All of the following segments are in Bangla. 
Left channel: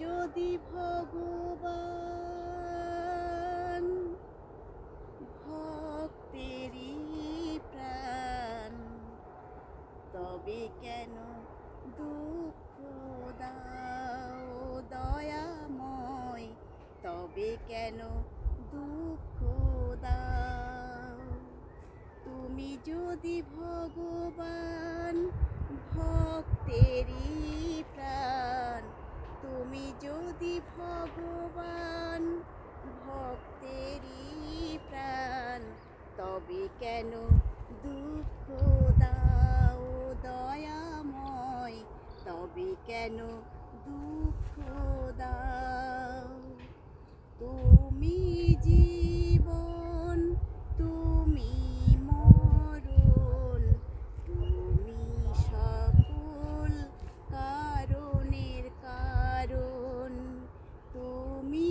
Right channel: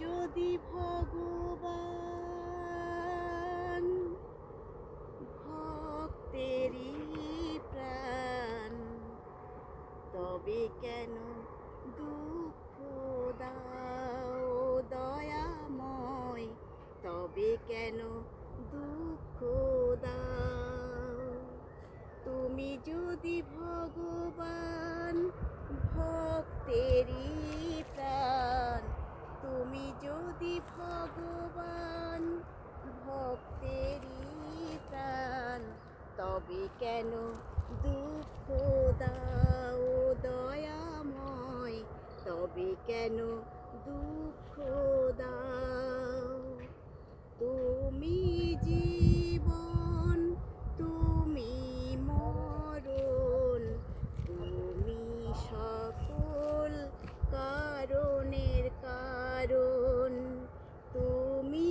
যদি ভগবান ভক্তেরই প্রাণ, তবে কেন দুঃখ দাও দয়াময়, তবে কেন দুঃখ দাও? তুমি যদি ভগবান ভক্তেরই প্রাণ, তুমি যদি ভগবান ভক্তেরই প্রাণ, তবে কেন দুঃখ দাও দয়াময়, তবে কেন দুঃখ দাও? তুমি জীবন, তুমি মরণ, তুমি সকল কারণের কারণ। তুমি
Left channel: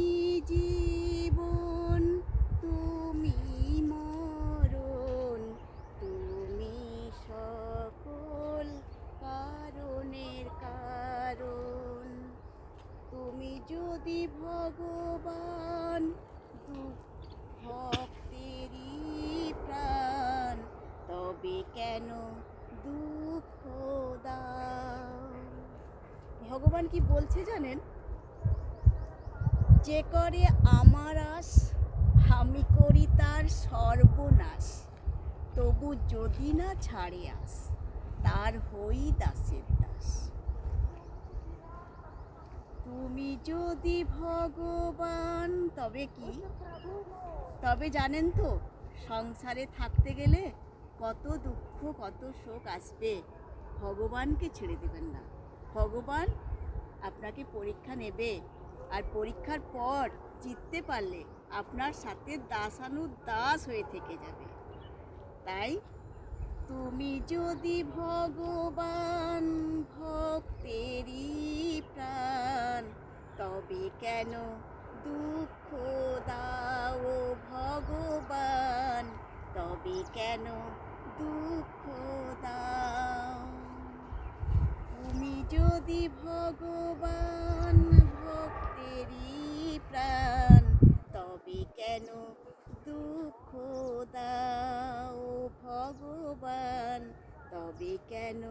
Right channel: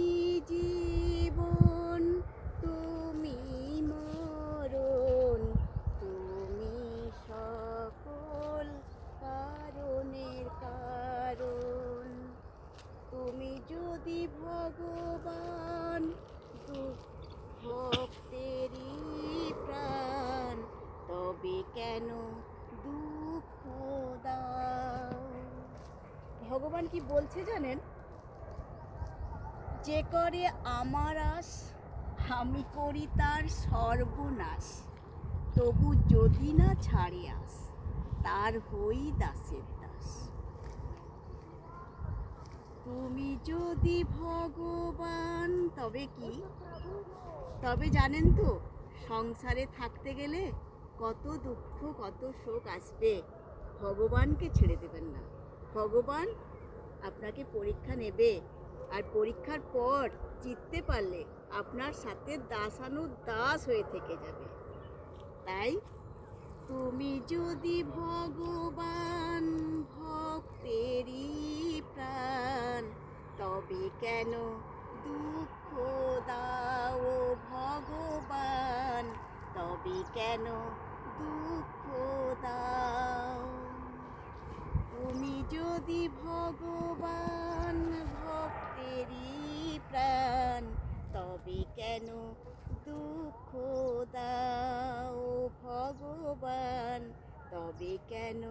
জীবন, তুমি মরণ, তুমি সকল কারণের কারণ। তুমি যদি ভগবান ভক্তেরই প্রাণ, তবে কেন দুঃখ দাও? ভগবান কি বলছে জানেন? যে করে আমার আশ, আমি করি তার সর্বনাশ, তবু যদি না ছাড়ে আস, তার হই দাসের দাস। তুমি যদি ভগবান, তবে কি? তবে জানেন তো, সংসারে থাকতে গেলে কত দুঃখ কত শোক আসবে, ভগবানকে ছেড়ে দেবেন না। ভগবান আপনাকে পরীক্ষা নেবে, আর পরীক্ষার পর জিততে পারলে আপনার সাথে দাসানুদাস হয়ে থেকে যাবে। তাই তুমি যদি ভগবান ভক্তেরই প্রাণ, তবে কেন দুঃখ দাও ভগবান, তবে কেন দুঃখ দাও? তুমি যদি ভগবান ভক্তেরই প্রাণ, তবে কেন দুঃখ দাও ভগবান, তবে কেন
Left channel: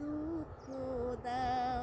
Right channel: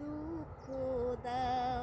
দুঃখ দাও?